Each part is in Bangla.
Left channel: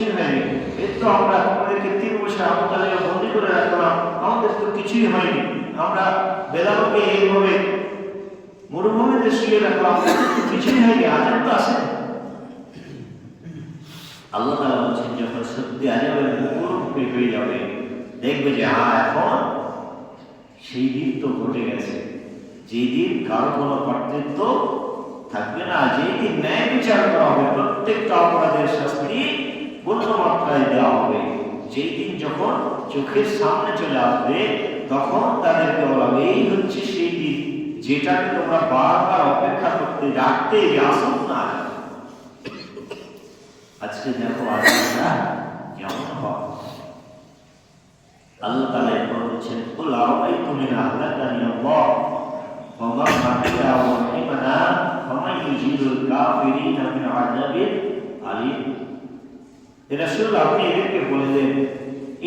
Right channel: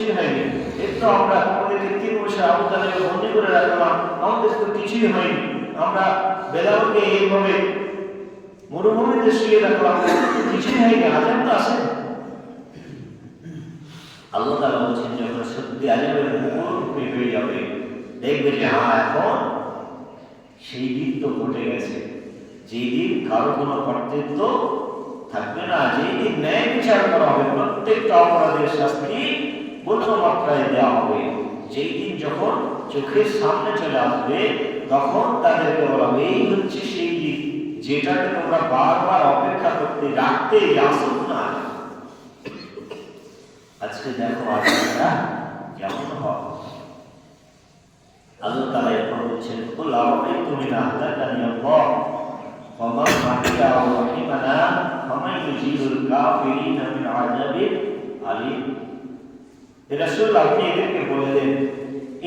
তো আমরা আমাদেরকে 3 বছর আমাদের বন্দি করে রাখলাম, আমাদের তো কিছুই হয়নি, আমরা বেলালকে এইভাবে মরুভূমিতে শুয়ে রাখলাম, কিছুই হয়নি, আজাব তো আসে। আল্লাহ তাআলা বলছেন যখন সত্যি আজাবের মুখোমুখি হয়ে যাবে, দেখবে যে হ্যাঁ এখন সেই দিন তো ঘটে গেছে, যেই দিন কারো কোনো কর্তৃত্ব থাকবে না, যেই দিন ন্যায় বিচার করা হবে, প্রত্যেকটা অপরাধের শাস্তি পূর্ণ মাত্রায় দেওয়া হবে। যেই দিন যখন চোখের সামনে চলে আসবে তখন তাদেরকে বলবে এই হচ্ছে সেই দিন যেটাকে তোমরা বারবার অপেক্ষা করতে রাখতে আসো না। আজকে দেখো আপনারা কেমন হবে। আল্লাহ তাআলা এখন বলছেন কুল আরাইতুম ইন আহলাকানি আল্লাহ ওয়া মা মা'িয়া ওয়া রাহিমানা ফামান ইউজিরুল কাফিরিনা মিন আযাবিন আলীম। রাসূল আপনি এদেরকে বলে দেন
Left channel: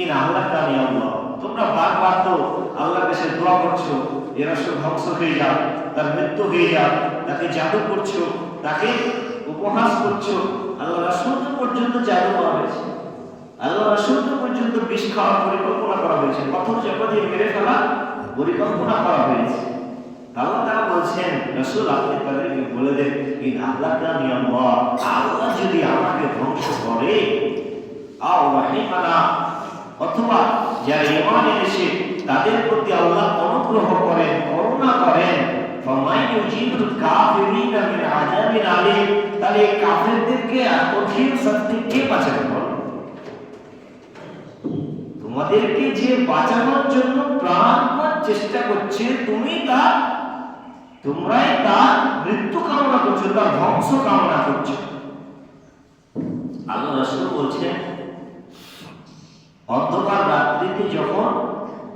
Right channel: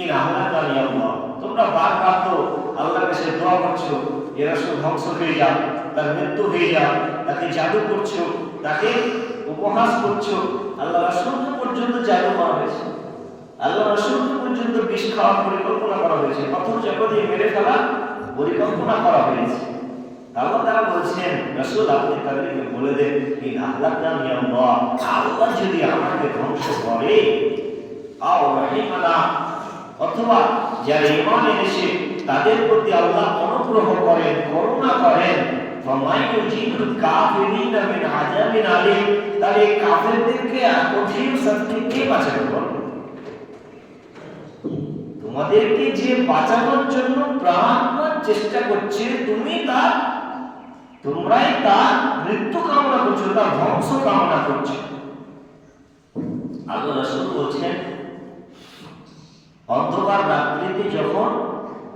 ইন আহলাকানি আল্লাহ, তোমরা বারবার তো আল্লাহর কাছে দোয়া করছো এ রাসূল ধ্বংস হয়ে যাক, তার মৃত্যু হয়ে যাক, তাকে জাদু করছো, তাকে উপহাস করছো। আল্লাহ রাসূল পর্যন্ত জাদু করা হয়েছে, আল্লাহ রাসূল পর্যন্ত বিষ খাওয়ার পরিকল্পনা করা হয়েছে, পাথর চাপা দিয়ে মেরে ফেলা পরিকল্পনা করা হয়েছে। আল্লাহ তাআলা বলছেন রাসূল আপনি তাদেরকে বলে দেন ইন আহলাকানি আল্লাহ, আল্লাহ যদি আমাকে ধ্বংস করে আও রাহিমানা, অথবা যারা ঈমান এনেছে তাদের প্রতি আল্লাহ অনুগ্রহ করেন, করুণা করেন, ফামান ইউজিরুল কাফিরিনা মিন আযাবিন আলীম, তাহলে এই কাফেরদেরকে কঠিন শাস্তি কে বাঁচাবে? তোমাদেরকে যে বাঁচানোর জন্য প্রাণপণ চেষ্টা করছে তোমরাই তার মৃত্যু কামনা করছো, তার ধ্বংস কামনা করছো। আল্লাহ রাসূল বলছেন অন্ধকার রাত্রিতে যখন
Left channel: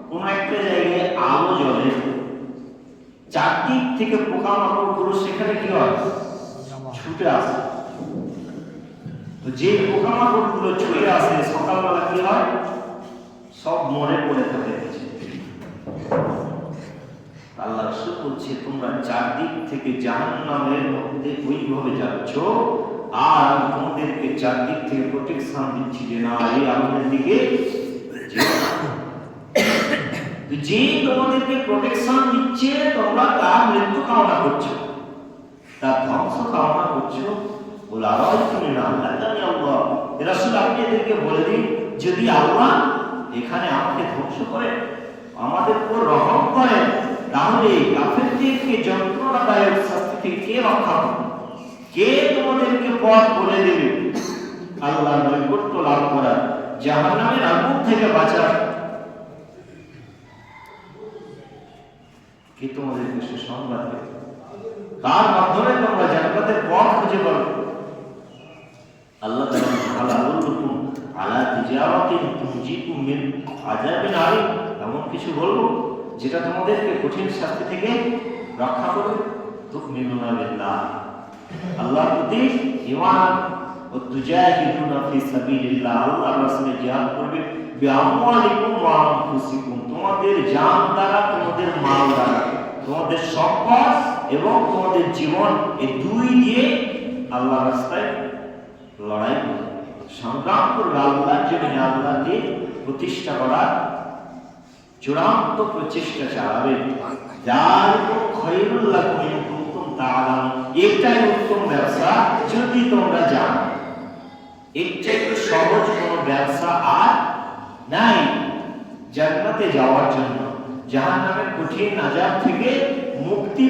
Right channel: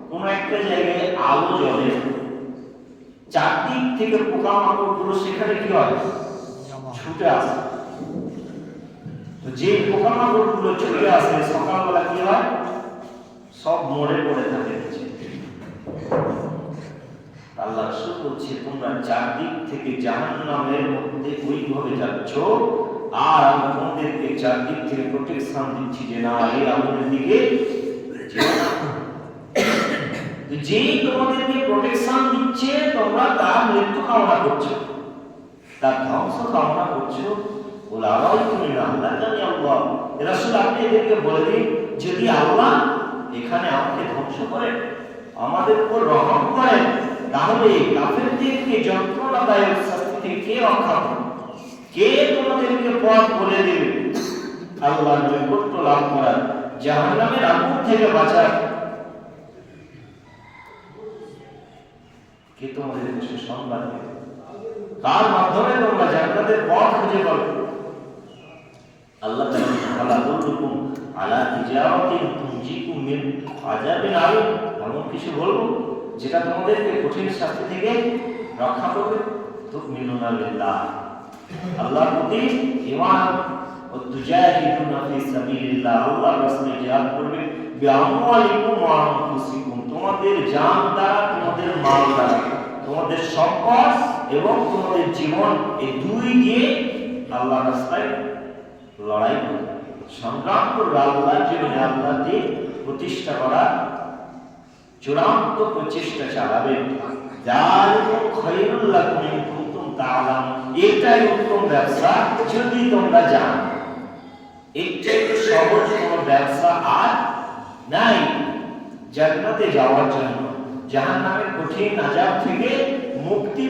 কোন একটা জায়গায় আলো জ্বলে, চারদিক থেকে পোকামাকড়গুলো সেখানে কি হয়? ছুটে আসে। তো যে পোকামাকড়গুলো ছুটে আসে সকালবেলা কি হয়? সব মরে পড়ে থাকে। আল্লাহ রাসূল বলছে তোমরা চারদিক থেকে জাহান্নামের মধ্যে ওইভাবে যাচ্ছ, আর তোমাদেরকে চারদিক থেকে প্রোটেকশন দিচ্ছি যে না এই আমাদের দিকে যে তোমাদেরকে প্রোটেকশন দিচ্ছে তোমরা তার মৃত্যু কামনা করছো, তার ধ্বংস কামনা করছো। বলে আওয়াজ তুমি না জানি আল্লাহ রাসূল আপনি এদেরকে বলে দিন যদি আল্লাহ এখানে আমাকে ধ্বংস করে আমাদের উপর রহম করেন তাহলে কাফেরদেরকে যন্ত্রণাদায়ক শাস্তি থেকে কে রক্ষা করবে? কে তোমাদেরকে পথ বলে দেবে আল্লাহর নৈকট্য লাভ করার, জাহান্নামের আগুন থেকে বাঁচার? কে তোমাদেরকে সুসংবাদ দেবে? কার মাধ্যমে তোমরা জান্নাতের পথ খুঁজে পাবে? আল্লাহ তাআলা বলুন আলা তিজারাতিন তুনজিকুম মিন আযাবিন আলীম, এমন কিছু বলবো যেটা তোমাদেরকে কঠিন শাস্তি থেকে রক্ষা করবে। তুমিনুনা বিল্লাহ, আল্লাহর প্রতি ঈমান, ও তুজাহিদুনা ফি সাবিলিল্লাহ, আল্লাহর রাস্তায় জিহাদ করবে, বিআমওয়ালিকুম ওয়া আনফুসিকুম, তোমাদের জান দ্বারা, তোমাদের মাল দ্বারা, তোমাদের সম্পদ এবং তোমাদের জীবন, এই দুই দিয়ে আল্লাহর রাস্তায় লড়াই করবে, সংগ্রাম করবে, আল্লাহর জমিনে আল্লাহর দ্বীন প্রতিষ্ঠা করা চূড়ান্ত প্রচেষ্টা চালাবে। যালিকুম খায়রুল লাকুম ইন কুনতুম তা'লামুন, এটাই উত্তম ব্যবসা যদি তোমরা জানো। এর চেয়ে সহজ কোনো ব্যবসা আর নাই জান্নাতে যাওয়ার জন্য, জাহান্নামের কঠিন আযাব থেকে মুক্তি